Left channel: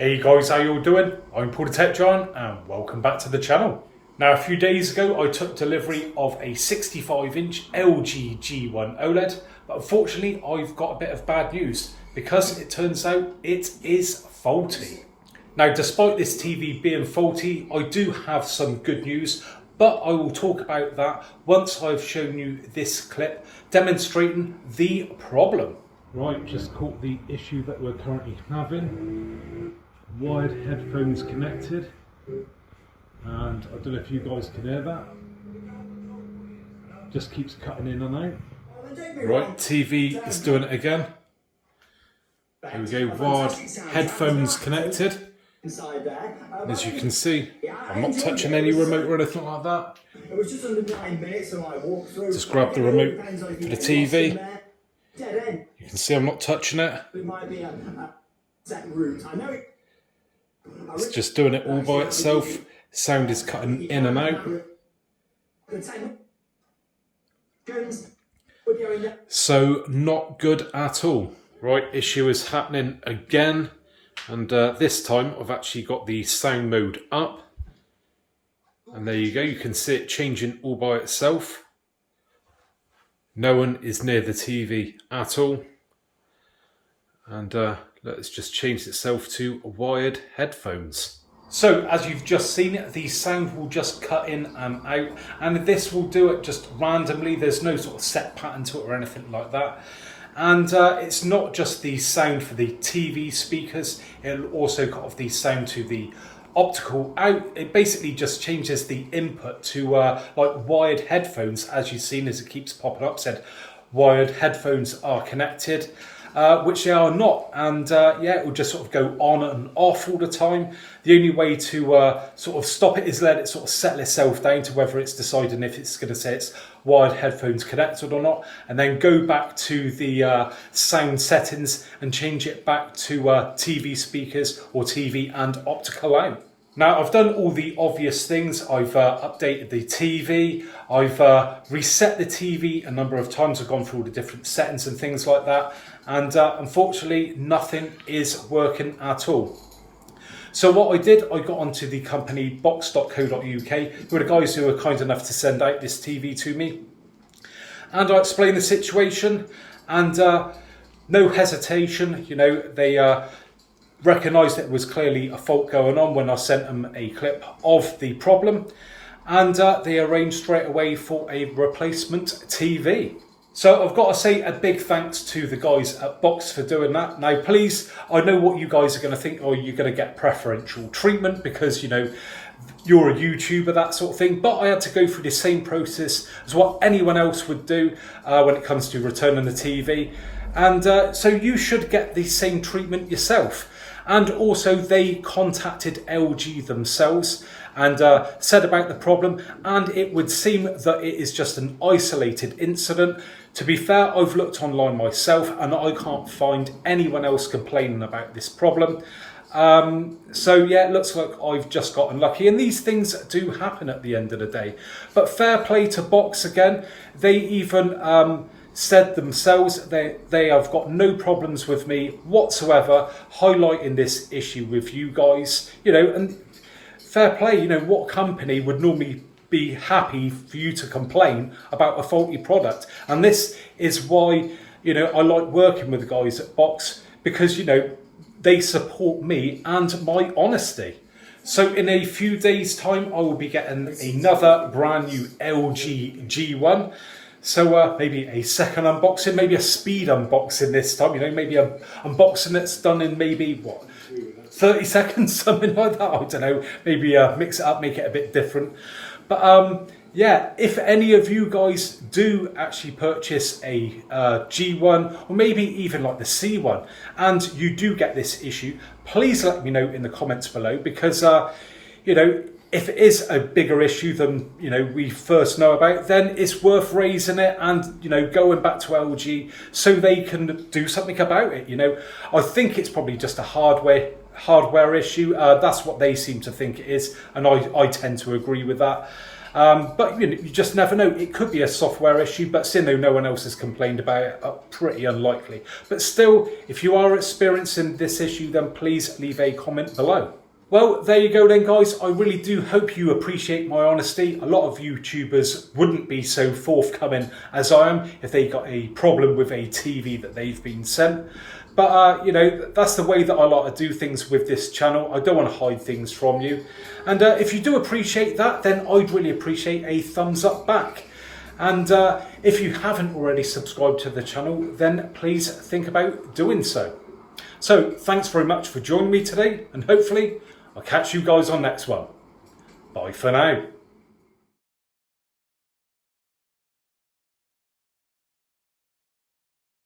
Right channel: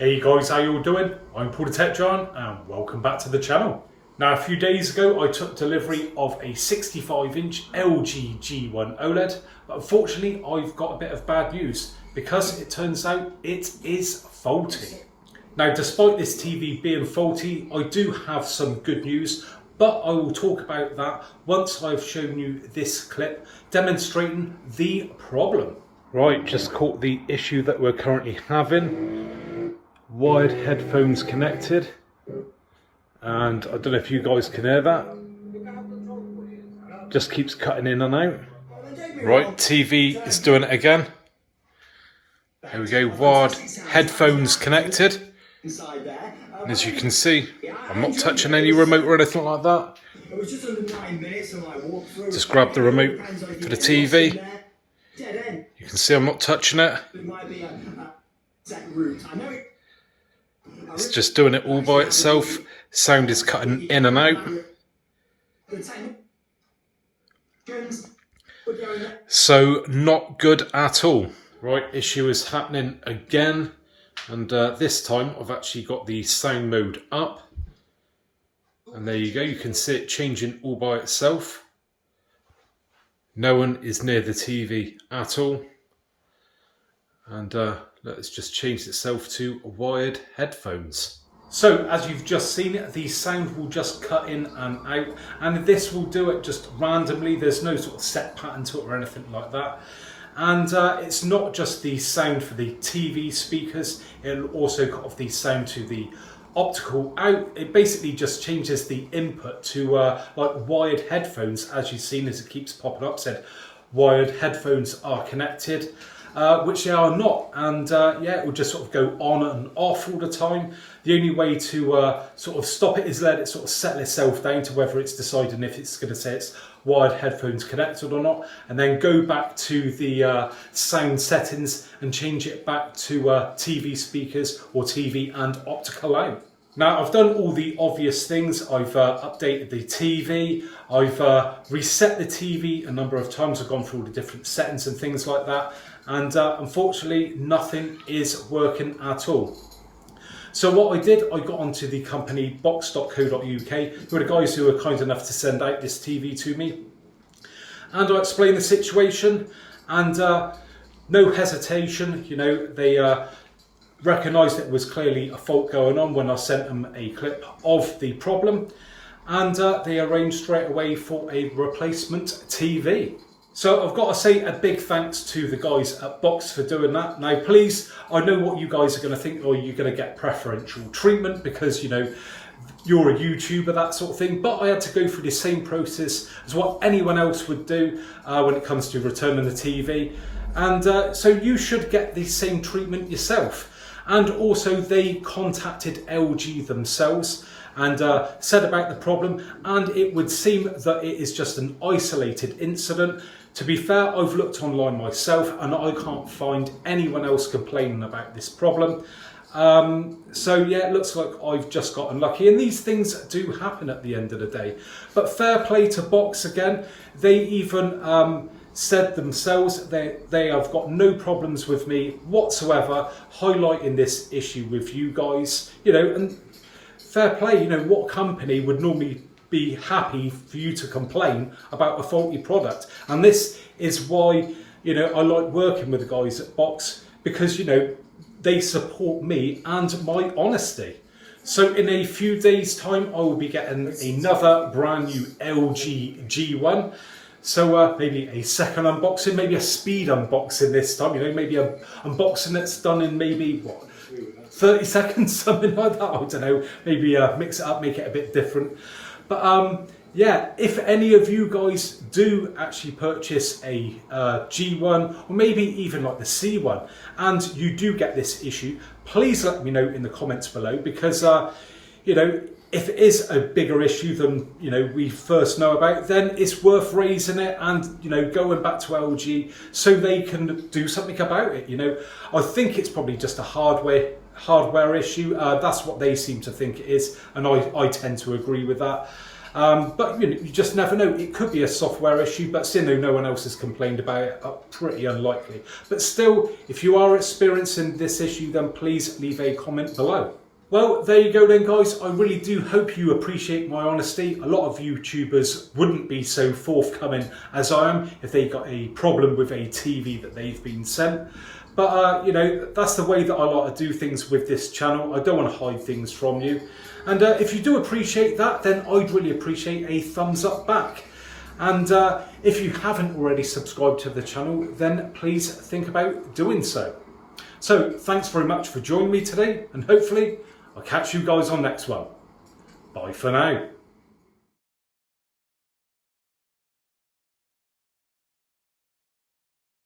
Hey guys, how you all doing? I'm Paul the Tech Giant and welcome back to the channel. Now a few days ago I took delivery of a 65-inch LG G1 OLED, but unfortunately I've got a bit of bad news because it turns out it is faulty. Now despite this TV being faulty, I do have some good news, but I will talk about that once I've shown you this clip demonstrating the problem. Right, just caught the issue that we're currently having. Wired headphones connected, and I don't know if you guys can hear that. Just keeps cutting in and out. Right, TV is doing it again. Here we go, wired headphones connected. And as you can see, I'm not touching any remote or anything like that. Just grab the remote for the TV. You can see I'm not touching it. It's just doing it all by itself. Sound is cutting in and out. So not good at all. Right, issue is happening again. And this time I've actually got the sound mode up. And there you go, you can see it changing all by itself. No one is near the TV at all. And let's just change itself to wired headphones. So as you've just seen, the sound will just cut in and out, and this will do it just randomly. There's no sort of set pattern to it or anything like that. And it's not just the sound for the TV speakers, it'll also cut off the sound to the optical out. It basically just changes the input to like wired headphones. As you've seen, as it keeps popping up, said wired headphones are connected. Which they are not, and yeah, it will just sort of go on and off all the time. The only way to sort of stop it is let it sort of settle itself down to whether it's deciding if it's going to say it's wired headphones connected or not, and then go back to the sound settings and change it back to TV speakers or TV and optical out. Now I've done all the obvious things. I've updated the TV, I've reset the TV a number of times, I've gone through all the different settings and things like that, and unfortunately nothing is working at all. So what I did, I got onto the company box.co.uk, who are the guys who were kind enough to send out this TV to me, and I explained the situation, and no hesitation, you know, they recognised it was clearly a fault going on when I sent them a clip of the problem, and they arranged straight away for a replacement TV. So I've got to say a big thanks to the guys at Box for doing that. Now please, I know what you guys are going to think, oh, you're going to get preferential treatment because, you know, you're a YouTuber, that sort of thing, but I had to go through the same process as what anyone else would do when it comes to returning the TV, and so you should get the same treatment yourself. And also they contacted LG themselves and said about the problem, and it would seem that it is just an isolated incident. To be fair, I've looked online myself and I can't find anyone else complaining about this problem. So yeah, it looks like I've just got unlucky, and these things do happen at the end of the day. But fair play to Box again. They even said themselves they have got no problems with me whatsoever highlighting this issue with you guys, you know, and fair play. You know, what company would normally be happy for you to complain about a faulty product? And this is why, you know, I like working with the guys at Box, because, you know, they support me and my honesty. So in a few days time I will be getting another brand new LG G1. So maybe a second unboxing, maybe a speed unboxing this time, you know, maybe an unboxing that's done in maybe, what, 30 seconds, something like that, I don't know, maybe mix it up, make it a bit different. But yeah, if any of you guys do actually purchase a G1, or maybe even like the C1, and you do get this issue, please let me know in the comments below, because, you know, if it is a bigger issue than, you know, we first know about, then it's worth raising it and, you know, going back to LG so they can do something about it. You know, I think it's probably just a hardware issue. That's what they seem to think it is, and I tend to agree with that. But you know, you just never know. It could be a software issue, but seeing though no one else has complained about it, pretty unlikely. But still, if you are experiencing this issue, then please leave a comment below. Well, there you go then, guys. I really do hope you appreciate my honesty. A lot of YouTubers wouldn't be so forthcoming as I am if they got a problem with a TV that they've been sent. But, you know, that's the way that I like to do things with this channel. I don't want to hide things from you. And if you do appreciate that, then I'd really appreciate a thumbs up back. And if you haven't already subscribed to the channel, then please think about doing so. So thanks very much for joining me today, and hopefully I'll catch you guys on next one. Bye for now.